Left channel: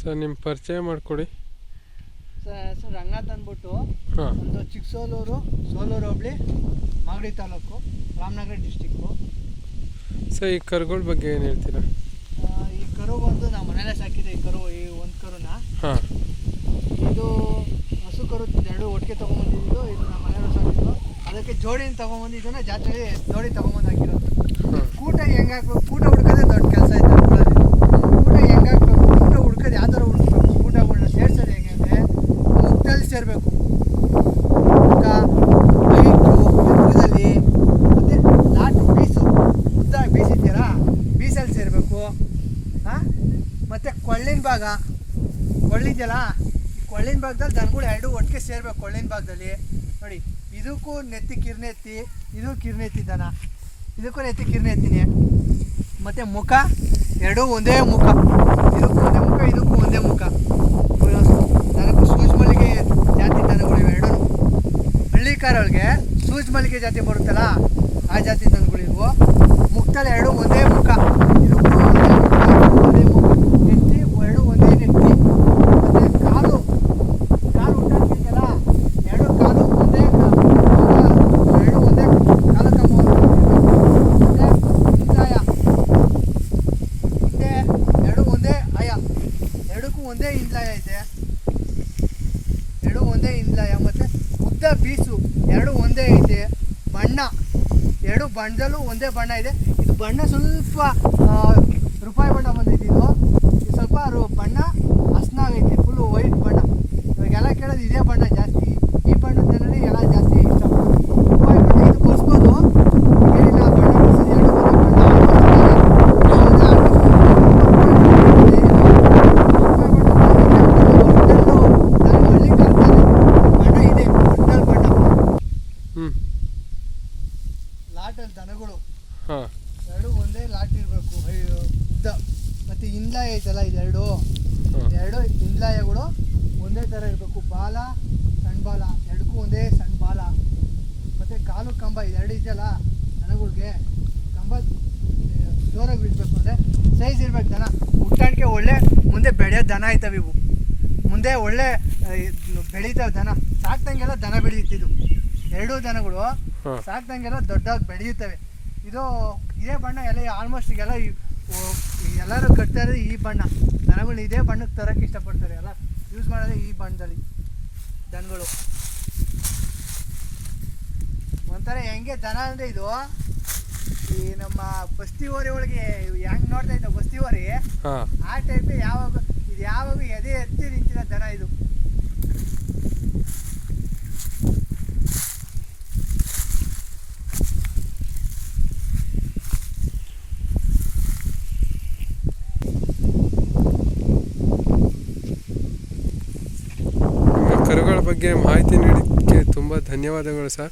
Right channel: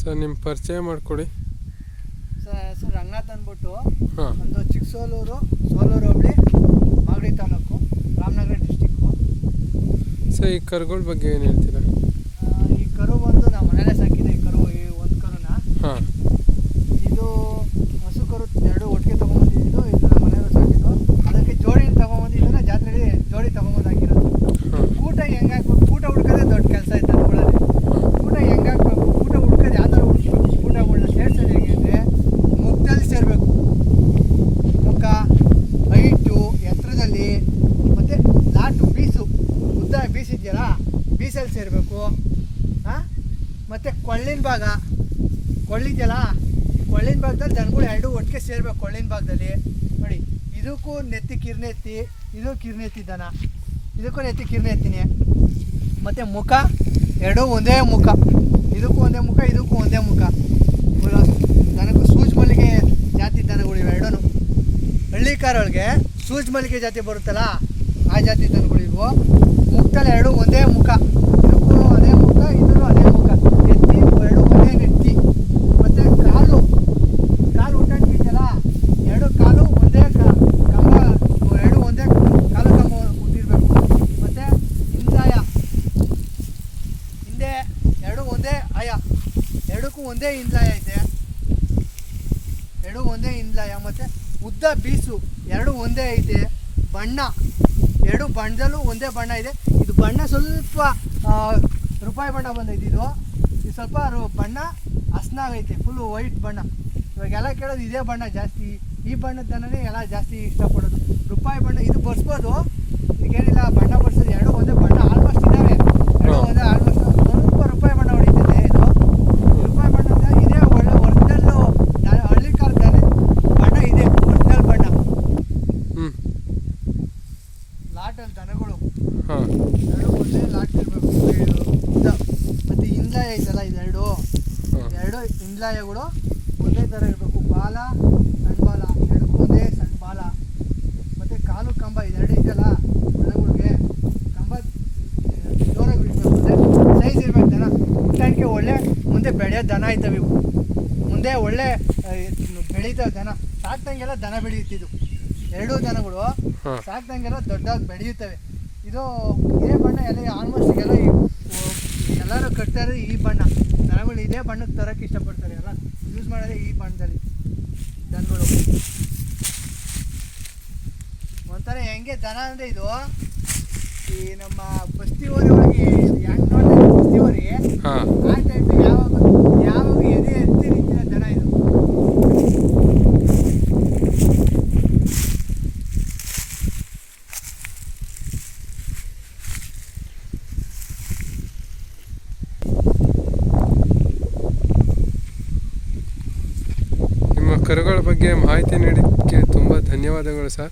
Sir ನಿಮ್ಮ ಪರಿಚಯ ಮಾಡಿಕೊಡಿ. ಸರ್ ರಂಗನಾಥ್ ಅಂದ್ಬಿಟ್ಟು ಹಾಂ, ಒಂದು ಚಿಕ್ಕಸೋಲೂರು ಹೋಬಳಿ ಮಾಗಡಿ ತಾಲೂಕು ರಾಮನಗರ ಡಿಸ್ಟಿಕ್ಕು. ಸರ್ ಈ ಕರುಗಳ ಬಗ್ಗೆ ಏನು ಹೇಳ್ತೀರಾ? ಈ ಕರು ಬಂದು ನಾವು ಮನೇಲೆ ಸಾಕಿದೆ. ಈ ಒಂದು ಕರುನ ಹಾಂ, ಇದು ಹಸು ಕರು ಎರಡು ಒಟ್ಟಿಗೆ ತೊಗೊಂಬಂದಿದ್ದು. ಇದು ನಮ್ಮ ಮನೇಲೆ ಸಾಕಿದ್ದು. ಅದಕ್ಕೆ ಜೋಡಿನ ತೊಗೊಂಬಂದಿದ್ದನ್ನ ಜಾತ್ರೆಯಲ್ಲಿ ಜೋಡಿ ತೊಗೊಂಬಂದು ಹಾಕಿರೋದು. ಊಟ ಹೆಂಗೆ ಹಾಕ್ಬೇಕು, ಊಟ ಹುಡ್ಕೋದೇ ದೊಡ್ಡ ಕೆಲಸ ಐತೆ ಊರಲ್ಲಿ. ಊಟ ಹೆಂಗೆ ಹಾಕ್ಬೇಕು, ಊಟ ಹುಡ್ಕೋದು ಯಾವ ಥರ ಹುಡ್ಬೇಕು, ಊಟಗಳನ್ನ ಸೇರ್ಸೋದು ಹೆಂಗೆ ಅಂದರೆ ಮುಖದಲ್ಲಿ ಸೇರಬೇಕು. ಮುಖ, ಹೈಟು, ಎತ್ತರದಲ್ಲಿ, ಮತ್ತು ಲಾಟು ಬೀಸು ಉದ್ದ ಬೀಸಿದ್ದೀರಾ, ಬೀಸಲ್ಲಿ ಸೇರಬೇಕು. ಹಾಂ, ಮತ್ತು ಕೊಳ್ಳಿನ ಭಾಗ, ಕೊಳ್ಳಿದೆಯಲ್ಲ, ಕೊಳ್ಳಿನ ಭಾಗದಲ್ಲಿ ದನಗಳು ಎರಡು ಒಟ್ಟಿಗೆ ಸೇರಬೇಕು. ಕೊಳ್ಳಿನ ಭಾಗದಲ್ಲಿ ನೋಡಿ, ಇದಕ್ಕೂ ನೆತ್ತಿ ಕಿರ್ನೆತ್ತಿ, ಇದು ಕಿರ್ನೆತ್ತಿ ದನ, ಇದಕ್ಕೂ ನೆತ್ತಿ ಕಿರ್ನೆತ್ತಿನಿ. ಮತ್ತು ಮುಖ ಎರಡೂ ಒಂದೇ ಮುಖ, ಇದಕ್ಕೂ ಒಂದೇ ಮುಖ, ಇದಕ್ಕೂ ಒಂದೇ ಮುಖ. ದನಕ್ಕೂ ಸೂಜ್ ಮಲ್ಲಿಗೆ ಜಾತಿ ದನಗಳು ಎರಡೂ. ಹಳ್ಳಿಕಾರೊಳಗೆ ಸೂಜ್ ಮಲ್ಲಿಗೆ ಜಾತಿ ಬರುತ್ತಲ್ಲ, ಆ ಜಾತಿ ದನಗಳು ಇವು. ಮುಖದಲ್ಲಿ ಎರಡೂ ಒಂದೇ ಮುಖ, ಇದಕ್ಕೂ ಒಂದೇ ಮುಖ, ಇದಕ್ಕೂ ಒಂದೇ ಮುಖ. ನೆತ್ತಿ ಎರಡೂ ಒಂದೇ ನೆತ್ತಿ. ಮತ್ತು ಕಾಲು ಉಂಟಾಗ್ತಿದೆಯಲ್ಲ, ಎರಡು ಕಾಲು ಒಂದೇ ಎರಡು ಒಂದೇ ಕಾಲು ತಮ್ಮ. ಮತ್ತು ಹಿಂದಾಯ ಹಿಂದೆ ಎರಡು ಒಂದೇ ಆಯ, ಎರಡಕ್ಕೂ ಒಂದೇ ಹಿಂದಾಯ ಇದೆ, ಎರಡು ಒಂದೇ ಹಿಂದಾಯ. ಮತ್ತು ಉದ್ದ ಬೀಸು ಎರಡು ಒಂದೇ ಐತೆ. ಬಣ್ಣ ಎರಡು ಬಣ್ಣದಲ್ಲೂ ಒಂದೇ ಬಣ್ಣ ಇದೆ. ಇದು ಬಣ್ಣ ಸ್ವಲ್ಪ ರೂಪಾಯಿ ಬಣ್ಣ ಬಂದೈತೆ. ಇದು ಸ್ವಲ್ಪ ಬಣ್ಣ ಹಸ್ನಾಗೈತೆ, ಫುಲ್ಲು ವೈಟ್ ಬಣ್ಣ. ಇವಾಗೆಲ್ಲ ಕೇಳೋದು ಇದೇ ಬಣ್ಣ ಜಾಸ್ತಿ, ಈ ಬಣ್ಣದ ಜನನೇ ಎಲ್ಲ ಜಾಸ್ತಿ ಇಷ್ಟಪಡೋದು. ರೂಪಾಯಿ ಬಣ್ಣ ಇದು ಬರ್ಸ್ಬೋದು, ಏನಿಲ್ಲ ಬಣ್ಣ ಬರ್ಸೋದು. ಎರಡು ಒಂದೇ ಬಣ್ಣ ಲಾಟಲ್ಲಿ ದನಗಳು ಎರಡು ಒಂದೇ ಲಾಟ್ ಇರಬೇಕು. ಉದ್ದ ಮತ್ತು ಹಿಂದಾಯ ಐತಲ್ಲ, ಇದೆರಡು ಹಿಂದಾಯಗಳು ಒಂದೇ ಥರ ಇರಬೇಕು. ಬಾಲ, ಸಣ್ಣ ಬಾಲ ಎರಡಕ್ಕೂ ಒಂದೇ ಸಣ್ಣ ಬಾಲ. ಮತ್ತು ಕಾಲು ಕಂಬ ಇದೆರಡು ಇದೆಯಲ್ಲ ದನಗಳಿಗೆ, ಕಂಬ ಜೋರಾಗಿ ಬಿಡಬೇಕು. ಅಂದರೆ ಸೈಜ್ ಇರ್ಬೇಕು ದನ. ಹುಟ್ಟಾಣಿಕೆ ಒಳ್ಳೆ ಮುಂದೆ ಬೆಳೆಯೋ ದನ ಐತವೆ ಇವು. ಮುಂದೆ ಒಳ್ಳೆ ಬೆಳೀತಾವೆ ದನ. ಸಾಕ್ದಂಗೆಲ್ಲ ದನ ಬೆಳೆಯುತ್ತಿದ್ದು ಎರಡೂ ದನಗಳು ಸಾಕ್ದಂಗೆಲ್ಲ ದೊಡ್ಡದಾಗಿ ಬೆಳೆಯುತ್ತವೆ. ಇದು ಇದೇ ಬಣ್ಣ ಎಲ್ಲ ಆಲ್ಮೋಸ್ಟ್ ಎಲ್ಲ ಎಲ್ಲರೂ ಕಟ್ತಾ ಇರೋದು ಈ ಬಣ್ಣ. ದನಗಳು ಇದೇ ಬಣ್ಣಕ್ಕೆ ತರೋಕ್ಕೆ ಇಷ್ಟಪಡ್ತಾರೆ, ಎಲ್ಲ ಯೂಸ್ ಮಾಡೋದೇ ಈ ಬಣ್ಣದಲ್ಲಿ ದನಗಳು. ಒಂಥರ ಹೆಂಗೆ ದನ ಅಂದರೆ ಇದು ಈ ನಮ್ಮ ಬಸ್ತಿ ಓರಿ ಒಳಗೆ ಹೆಂಗೆ ನೋಡ್ತಾ ಇದ್ದೀವಿ, ಬಸ್ತಿ ಓರಿ ಆ ಟೈಪ್ ಯಾವಾಗ ಎದೆ ಎತ್ತಿ ನಿಂತಿರೋ ದನ ಇದು. ಕರುಗಳ ಬಗ್ಗೆ ಮಾಹಿತಿ ನೀಡಿದ್ದಕ್ಕೆ ತುಂಬ ಧನ್ಯವಾದಗಳು ಸರ್.